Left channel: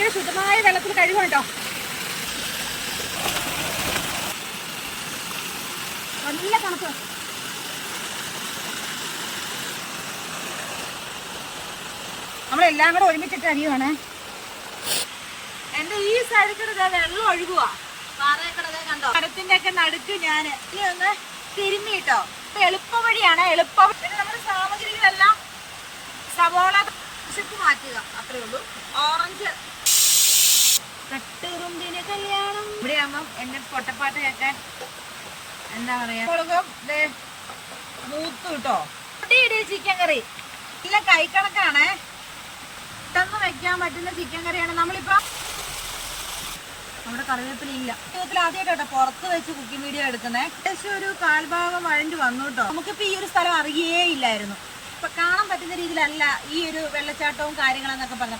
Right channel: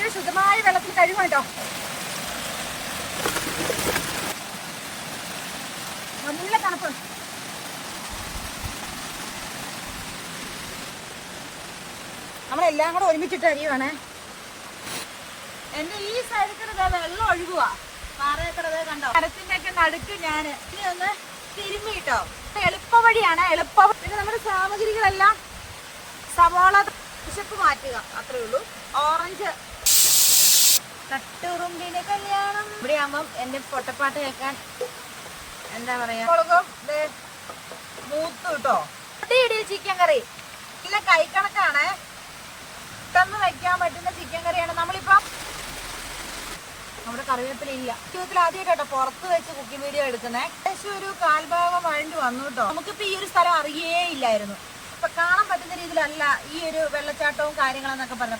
ചെറിയ ശുദ്ധമായ വെള്ളത്തിൽ കഴുകാം കേട്ടോ. നല്ല തണുപ്പ്. നമ്മളെല്ലാം കൂടെ ഒരുമിച്ചിട്ട് അരിയുവാണ്. എന്റെ ഈ സൈഡിൽ കൂടെ വെള്ളം ഒഴുകുക. പാറയൊക്കെ കണ്ടോ? മരത്തിന്റെ ഒക്കെ നടുക്ക് ഞാൻ ഇനി ഒന്ന് തിരുമ്മി കേട്ടോ. എളുപ്പ വഴിയാണ്, എളുപ്പ. പിന്നെ നമ്മുടെ സാമഗ്രികളെല്ലാം സവോള വിശപ്പ് മാറ്റുക, അത്രേ ഉള്ളൂ. ഓറഞ്ച് തട്ടുറുമ്പിന്റെ കല്യാണം. ഇവിടെ ആകുമ്പം എന്റെ പൊട്ടപ്പാട്ട് കേൾക്കാൻ എന്താ പറയാ, മുളകും മൂത്ത് കിട്ടോ. ചിക്കൻ കറി ഇല്ല, കൈക്കണക്കാണ്. പെട്ടെന്ന് വയ്ക്കാൻ പറ്റുന്ന ചിക്കൻ കറിയാണ്. നമ്മളിപ്പോ നമ്മുടെ കറിവേപ്പില ഇല്ല. ജീവിതത്തിൽ ആദ്യമായിട്ടോ പുറത്ത് വെച്ച് കുക്കിംഗ് വീഡിയോ എടുക്കുന്നേ. ഏകദേശം ഒരു കാൽഭാഗം വഴണ്ടി വന്നു കേട്ടോ. നമുക്കിപ്പോ ഈ ഒരു സ്ഥലം അറിയേ ഇല്ലായിരുന്നു. ഇപ്പൊ കാണാൻ പറ്റുന്ന രീതിയിലല്ല ഈ ഒരു വെള്ളച്ചാട്ടവും കാര്യങ്ങളെന്നൊക്കെ പറഞ്ഞത്.